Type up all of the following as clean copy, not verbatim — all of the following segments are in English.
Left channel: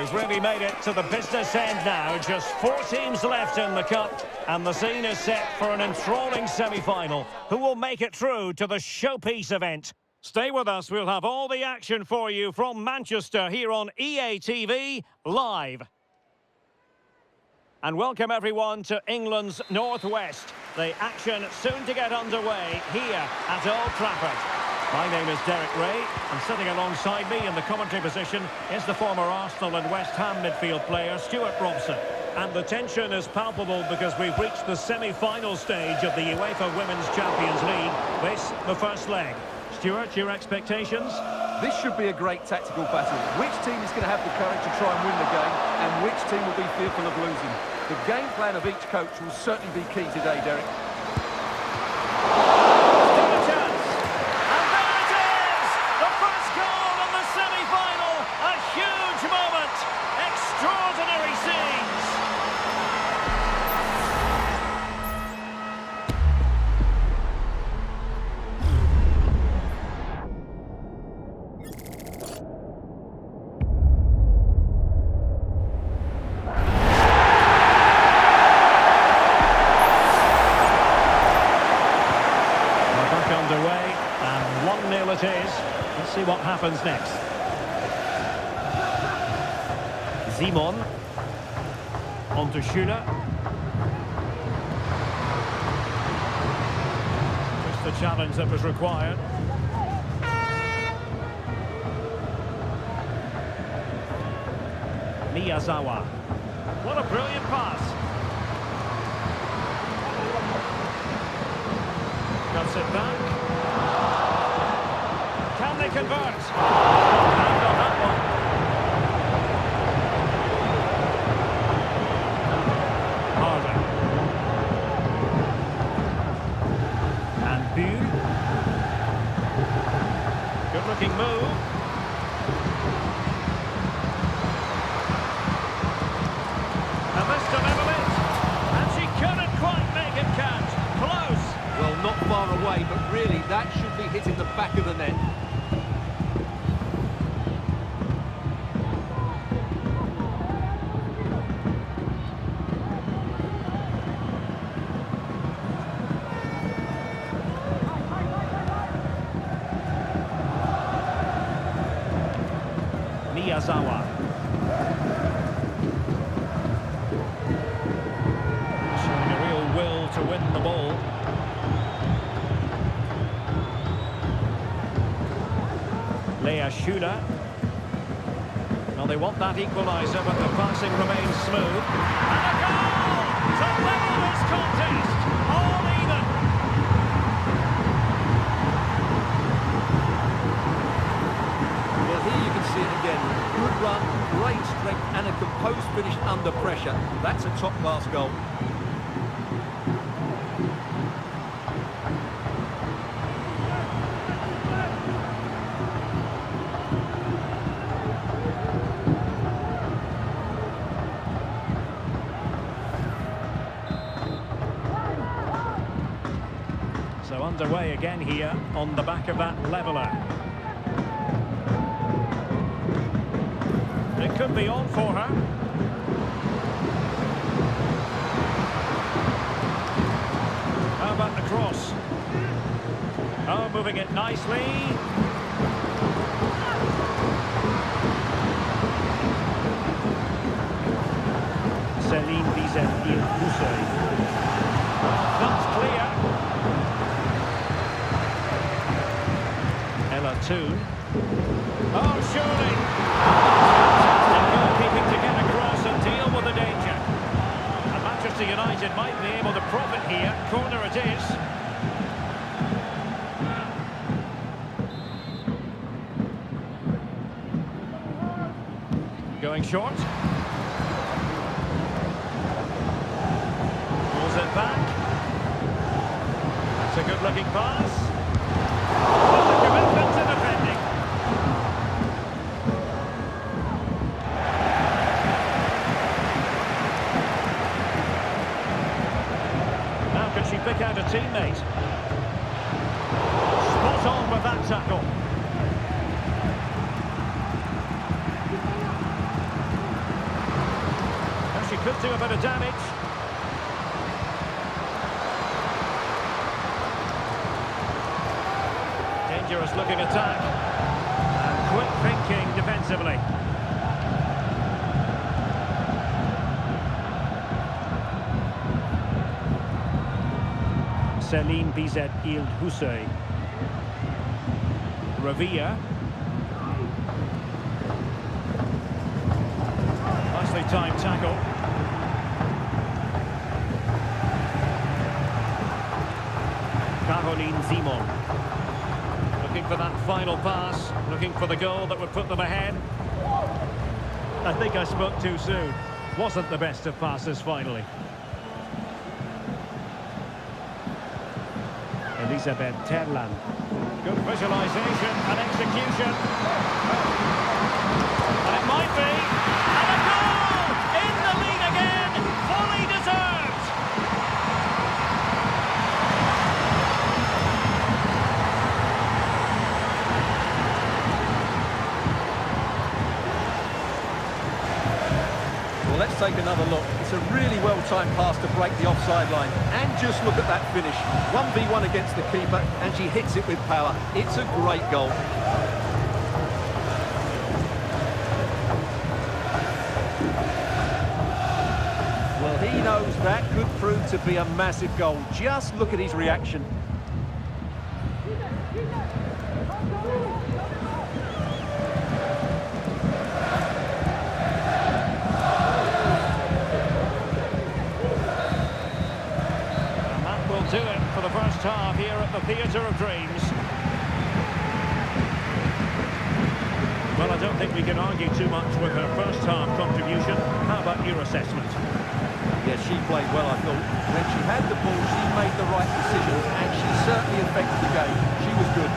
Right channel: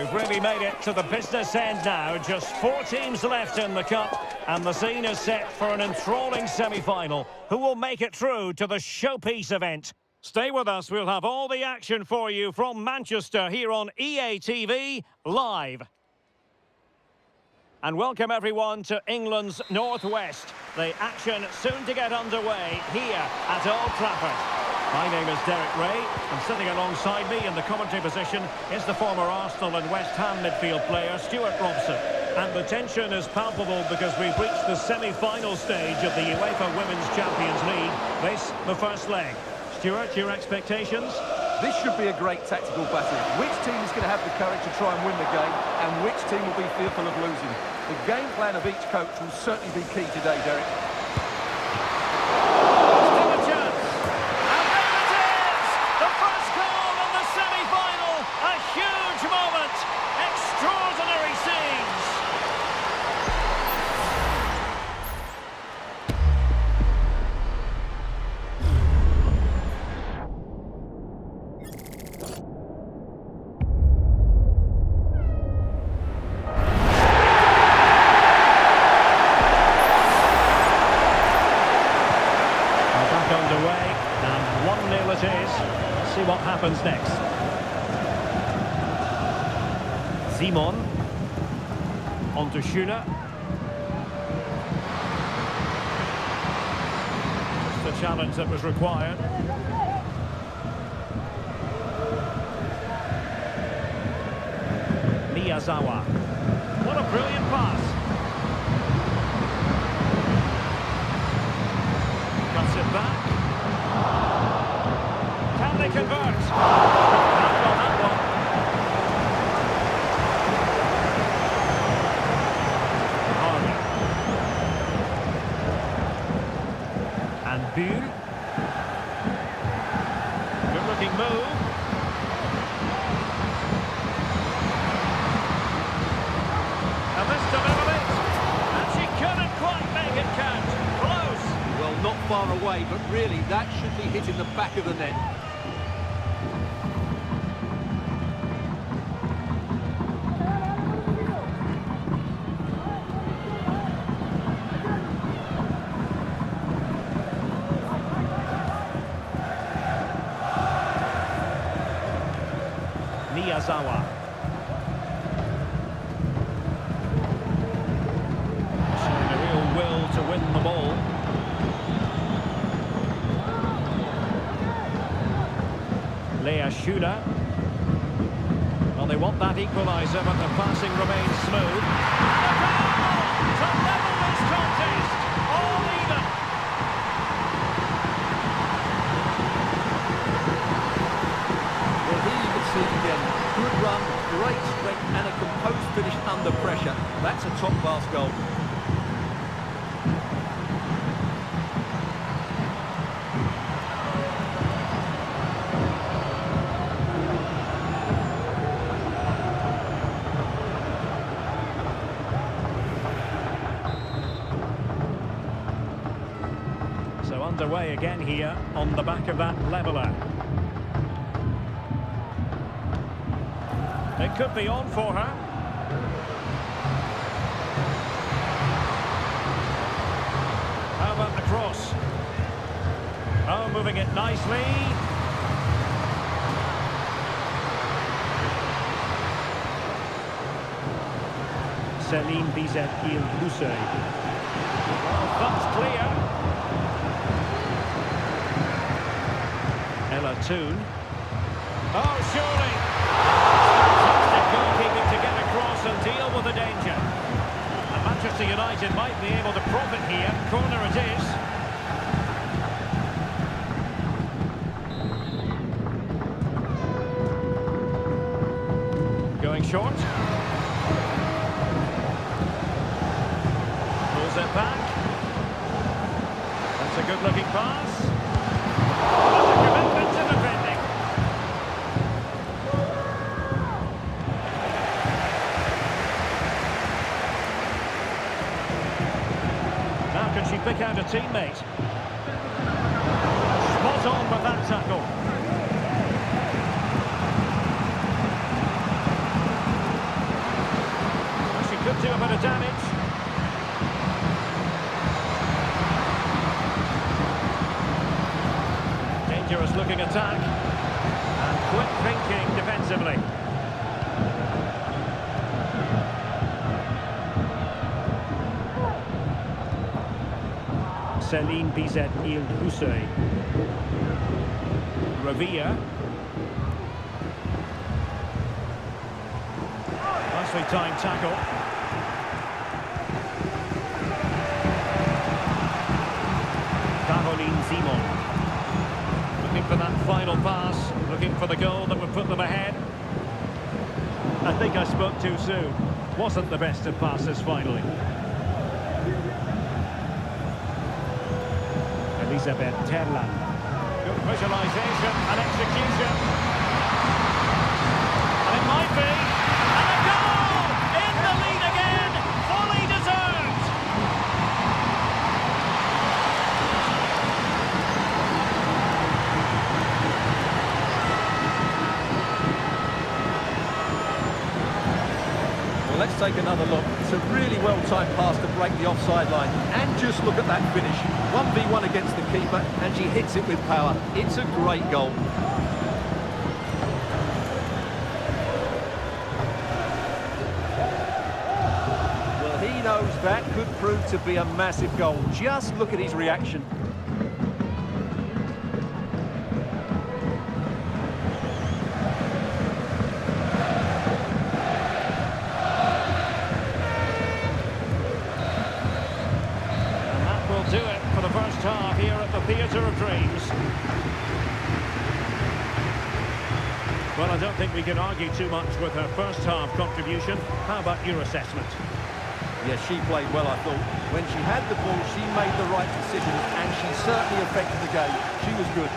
We've really made it to the business end now. Just 4 teams left in the cup, and the scene is set for an enthralling semi-final. Who will make it through to the showpiece event? Stay with us. We'll have all the action for you from Manchester here on EA TV Live. And welcome everyone to England's Northwest. The action soon to get underway here at Old Trafford. My name is Derek Ray, and sitting alongside me in the commentary position is the former Arsenal and West Ham midfield player Stuart Robson. And the tension is palpable because we've reached the semi-final stage of the UEFA Women's Champions League. This, the first leg. Stuart, your expectations? This should be a great tactical battle. Which team is going to have the courage to try and win the game, and which team will be fearful of losing? The game plan of each coach will certainly be key today, Derek. Still a chance. And there it is! The first goal in the semi-final. A huge moment. Extraordinary scenes. Underway, and 1-0 it is. Let's see what happens next. Simon on to Schüller. Just the challenge that was required. Miyazawa. What a brilliant pass. Cuts it back. Can they convert? Strong hand on that one. Harder. And Buhl. Good looking move. And this to level it. And she couldn't quite make it count. Close. Well, not far away, but really that should be hitting the back of the net. Miyazawa. Showing a real will to win the ball. Lea Schüller. Well, they want that equaliser, but the passing remains smooth. And a goal to level this contest. All even. Well, here you can see it again. Good run, great strength, and a composed finish under pressure. That's a top-class goal. So underway again here on the back of that leveller. It could be on for her. How about the cross? Oh, moving it nicely. Céline Bizet-Il-Bousseuil. Well, that's clear. Ella Toon. Oh, surely! Fantastic goalkeeping to get across and deal with the danger. And Manchester United might be able to profit here. Corner it is. Going short. Pulls it back. That's a good-looking pass. What a commitment to defending. Now can she pick out a teammate? Spot on with that tackle. do a bit of damage. Dangerous looking attack. And quick thinking defensively. Céline Bizet-Ilde-Hussein. Ravia. Nicely timed tackle. Caroline Simon. Looking for that final pass, looking for the goal that would put them ahead. I think I spoke too soon. Wasn't the best of passes finally. Elisabeth Terland. Good visualisation and execution. And it might be. And a goal! In the lead again! Fully deserved! Well, let's take another look. It's a really well-timed pass to break the offside line. And just look at that finish. 1v1 against the keeper, and she hits it with power. It's a great goal. Well, he knows that could prove to be a massive goal. Just look at his reaction. Will do it for the first half here at the Theatre of Dreams. Well, I don't think we can argue too much with her first half contribution. How about your assessment? Yes, she played well, I thought. When she had the ball, she made the right decisions, and she certainly affected the game. She was good.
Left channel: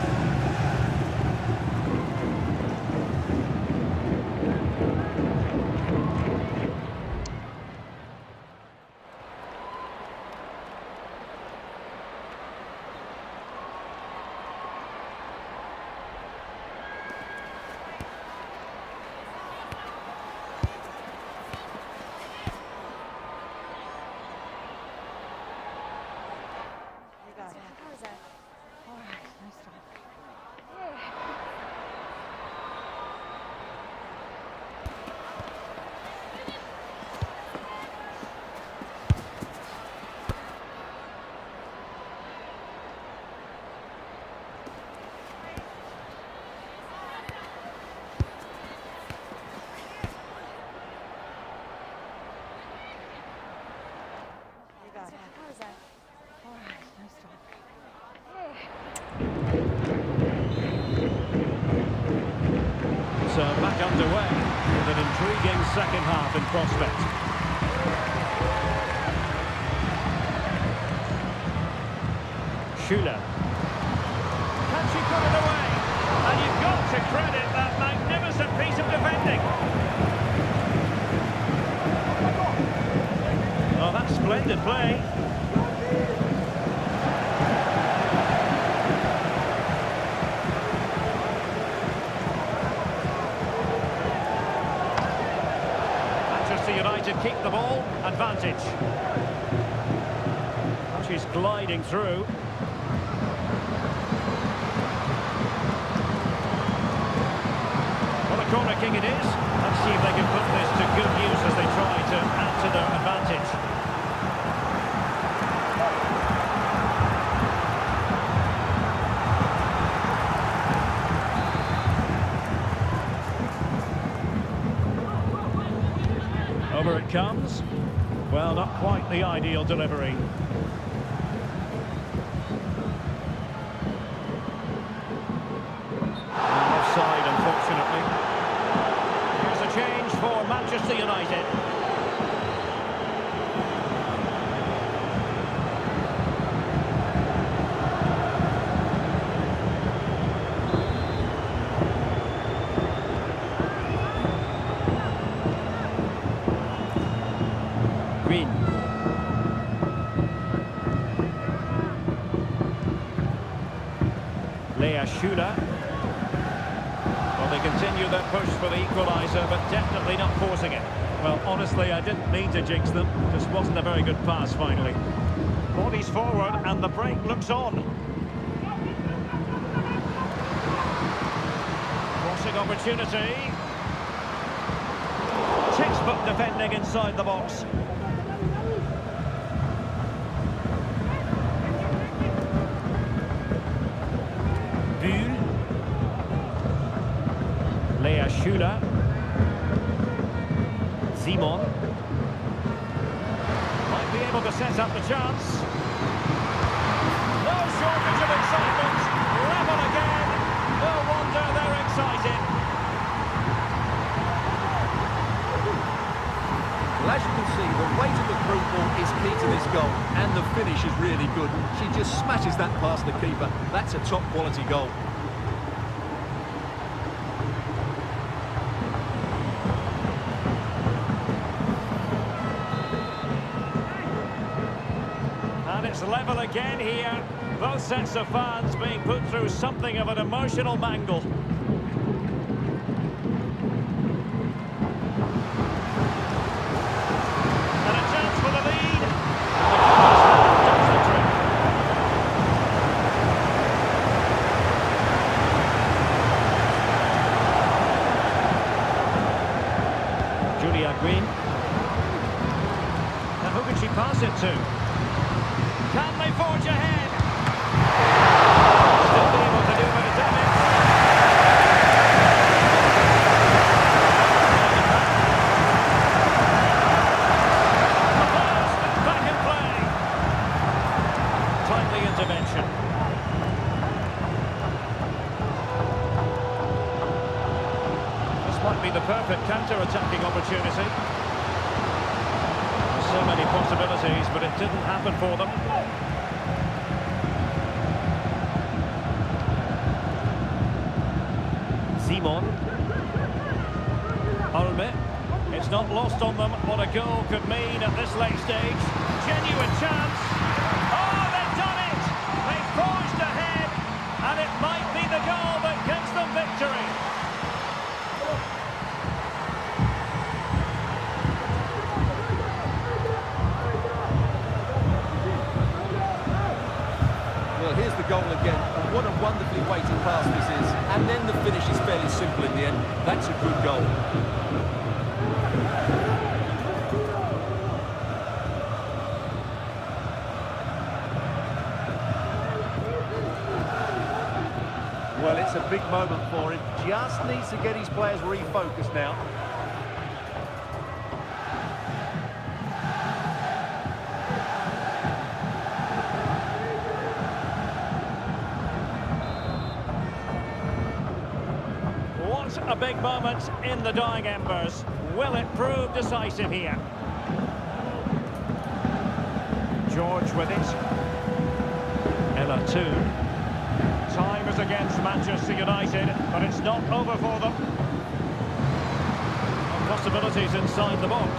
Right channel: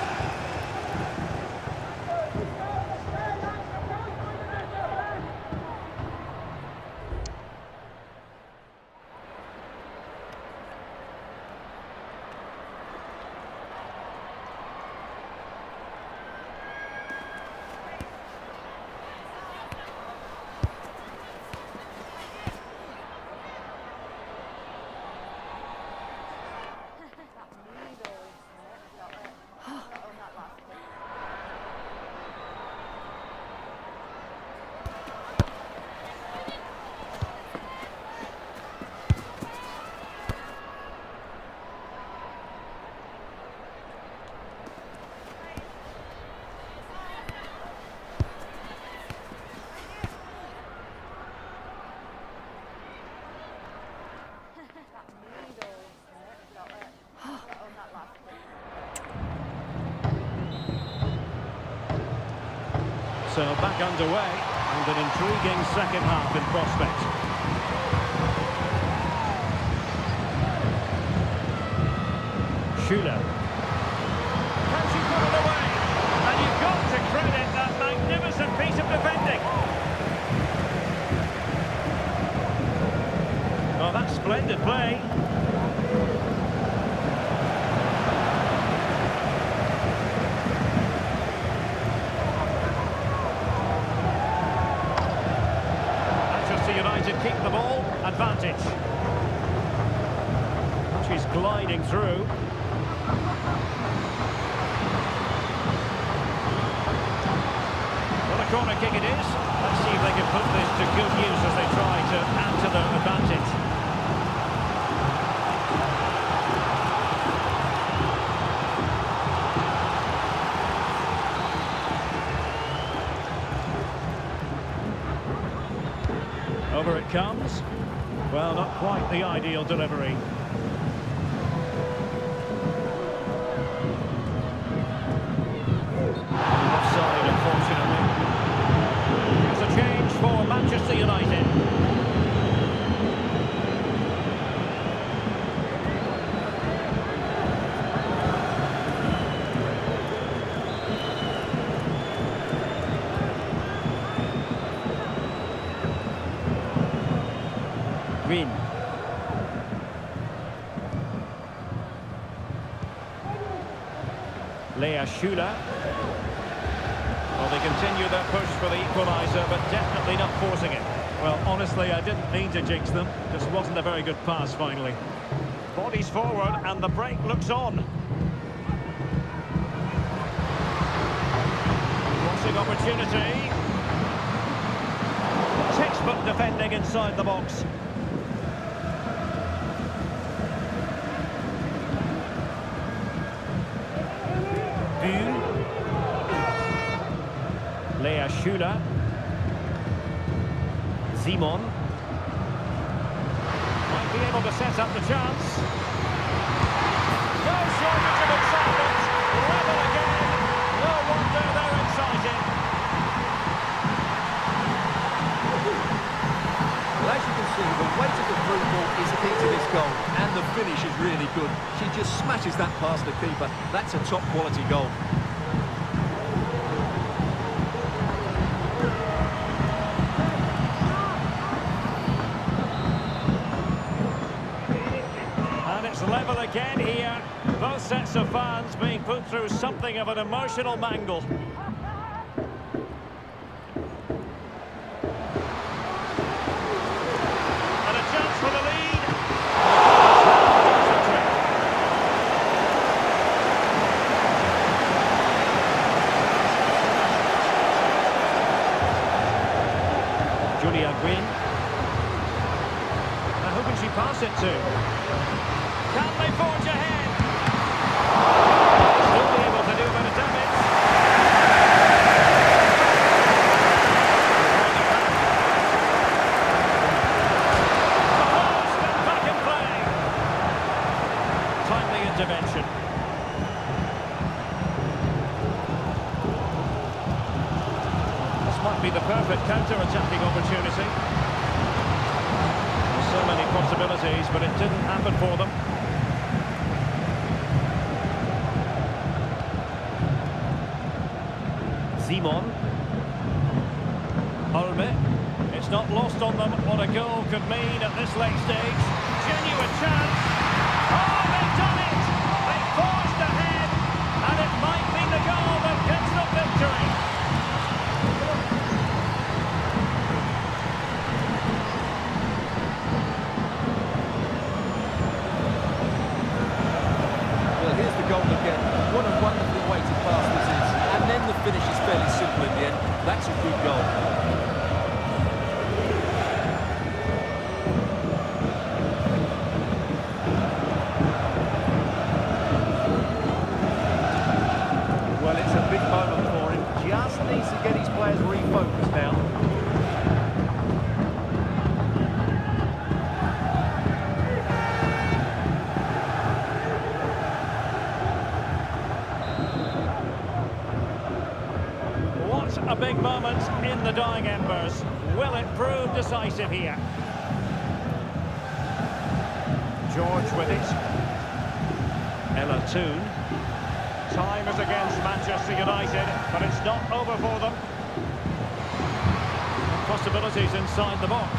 So back underway with an intriguing second half in prospect. Schüller. Can she put it away? And you've got to credit that magnificent piece of defending. Oh, that's splendid play. United keep the ball, advantage. She's gliding through. What a corner kick it is. Let's see if they can put this to good use as they try to add to their advantage. Over it comes. Well, not quite the ideal delivery. And offside, unfortunately. Here's a change for Manchester United. Green. Lea Schüller. Well, they continue their push for the equaliser, but definitely not forcing it. Well, honestly, I didn't mean to jinx them. Just wasn't a very good pass, finally. Bodies forward, and the break looks on. Crossing opportunity. Textbook defending inside the box. Buhl. Lea Schuler. Simon. Might be able to set up the chance. No shortage of excitement. Level again. No wonder they're excited. Well, as you can see, the weight of the through ball is key to this goal, and the finish is really good. She just smashes that past the keeper. That's a top-quality goal. And it's level again here. Both sets of fans being put through something of an emotional mangle. And a chance for the lead. And the does the trick. Julia Green. Now who can she pass it to? Can they forge ahead? Still be able to do a bit of damage. On the back. The post and back in play. Timely intervention. This might be the perfect counter-attacking opportunity. There's so many possibilities, but it didn't happen for them. Simon. Olme. It's not lost on them what a goal could mean at this late stage. Genuine chance. Oh, they've done it! They forged ahead, and it might be the goal that gives them victory. Well, here's the goal again, and what a wonderfully weighted pass this is. And then the finish is fairly simple in the end. That's a good goal. Well, it's a big moment for him. Just needs to get his players refocused now. A big moment in the dying embers. Will it prove decisive here? George with it. Ella Toon. Time is against Manchester United, but it's not over for them. And possibilities inside the box.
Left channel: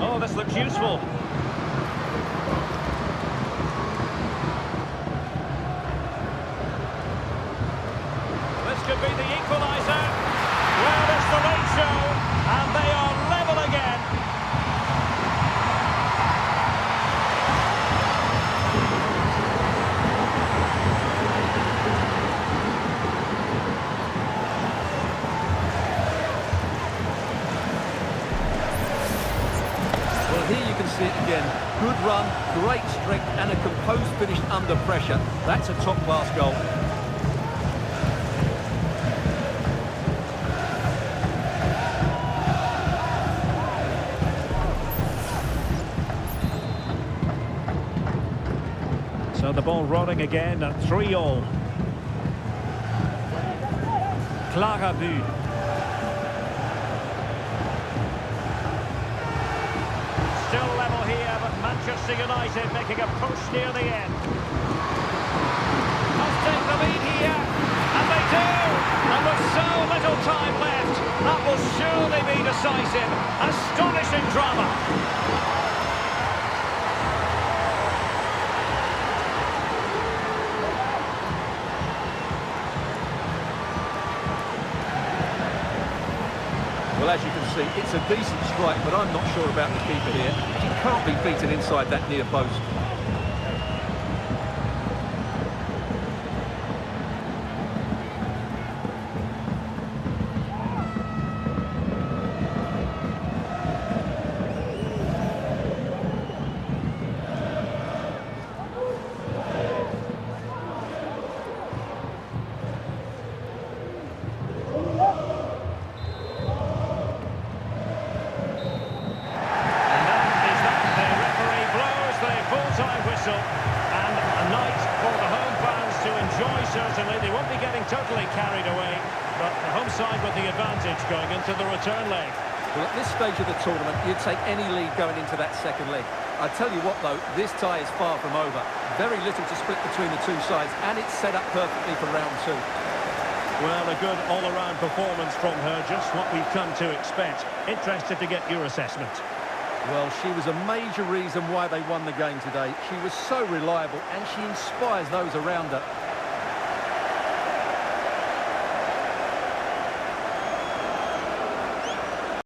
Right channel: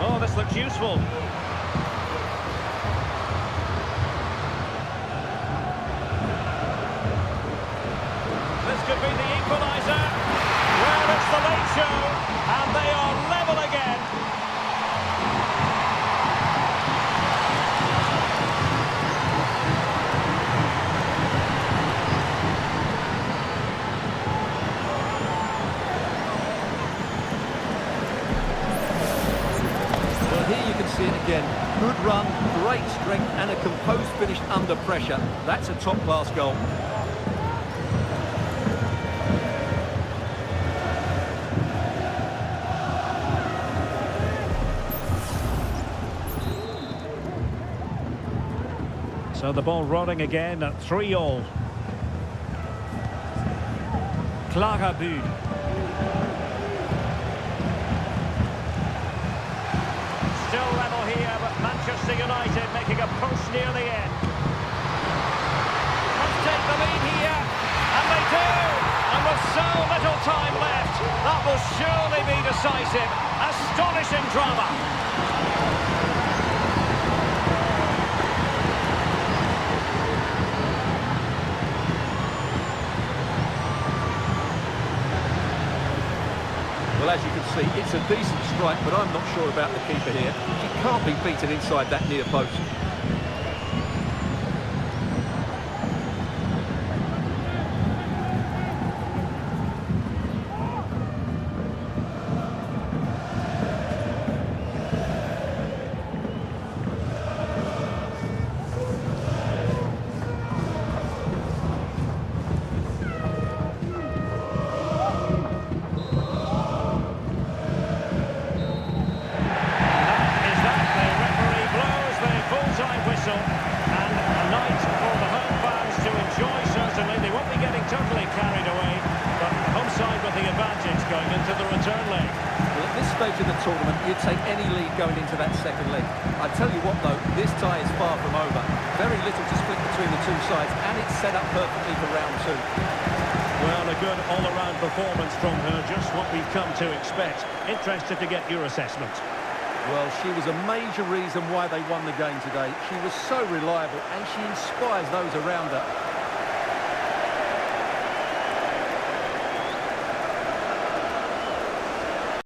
Oh, this looks useful. This could be the equaliser. Well, it's the late show, and they are level again. Well, here you can see it again. Good run, great strength, and a composed finish under pressure. That's a top-class goal. So the ball rolling again at 3-all. Clara Buhl. Still level here, but Manchester United making a push near the end. Must take the lead here, and they do! And with so little time left, that will surely be decisive. Astonishing drama. Well, as you can see, it's a decent strike, but I'm not sure about the keeper here. She can't be beaten inside that near post. Full-time whistle, and a night for the home fans to enjoy, certainly. They won't be getting totally carried away, but the home side with the advantage going into the return leg. Well, at this stage of the tournament, you'd take any lead going into that second leg. I tell you what, though, this tie is far from over. Very little to split between the two sides, and it's set up perfectly for round two. Well, a good all-around performance from her, just what we've come to expect. Interested to get your assessment. Well, she was a major reason why they won the game today. She was so reliable and she inspires those around her.